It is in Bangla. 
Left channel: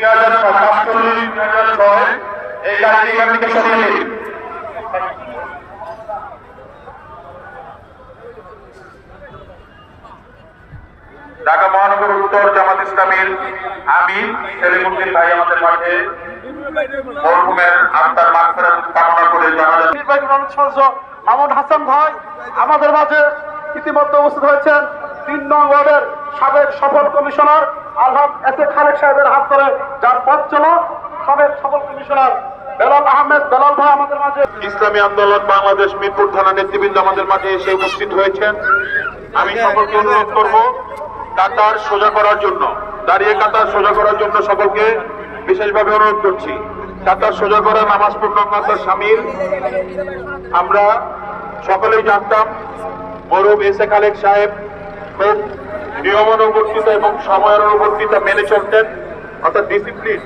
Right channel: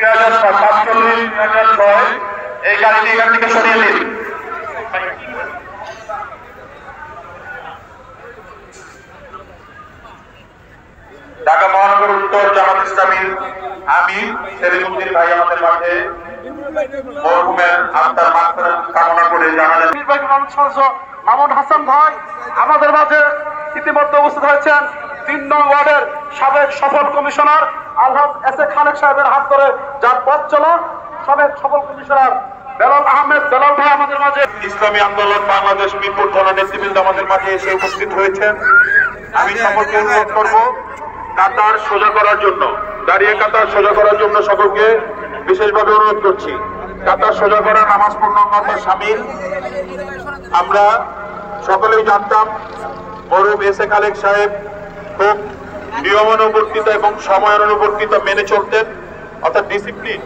2047 এই গাড়িটি এখান থেকে সরিয়ে নিন। ঢাকা মহানগর উত্তর জামাত ইসলামীর আমির সেলিমউদ্দিন ভাই আমাদের মাঝে মরহুমের আত্মার মাগফিরাত কামনা করে নির্বাহী সদস্য মামুন হাসান ভাই আমাদের মাঝে ইতিমধ্যে উপস্থিত হয়েছেন। 3 নং ওয়ার্ডের সাবেক সফল commissioner Alhaj S A Khalek সাহেবের হাত ধরে যার পথ চলা সাবেক সফল কমিশনার বেলাল আহমেদ বেলাল ভাই আমাদের মাঝে। ইসলামী আন্দোলন বাংলাদেশ মিরপুর থানা নেতৃবৃন্দ আমাদের মাঝে এসে উপস্থিত হয়েছেন। আমি সকলকে অনুরোধ করবো কাতার সোজা করার জন্য, দাঁড়িয়ে কাতার সোজা করার জন্য সকলকে বিশেষভাবে অনুরোধ করছি। কাতার সোজা করা নামাজ পূর্ণতার সামিল। আমরা সকলেই জানতাম মরহুম এস এ খালেক সাহেব খুব নিয়মানুবর্তিত এবং সময়ানুবর্তিত মেনে চলতেন, অর্থাৎ ডিসিপ্লিন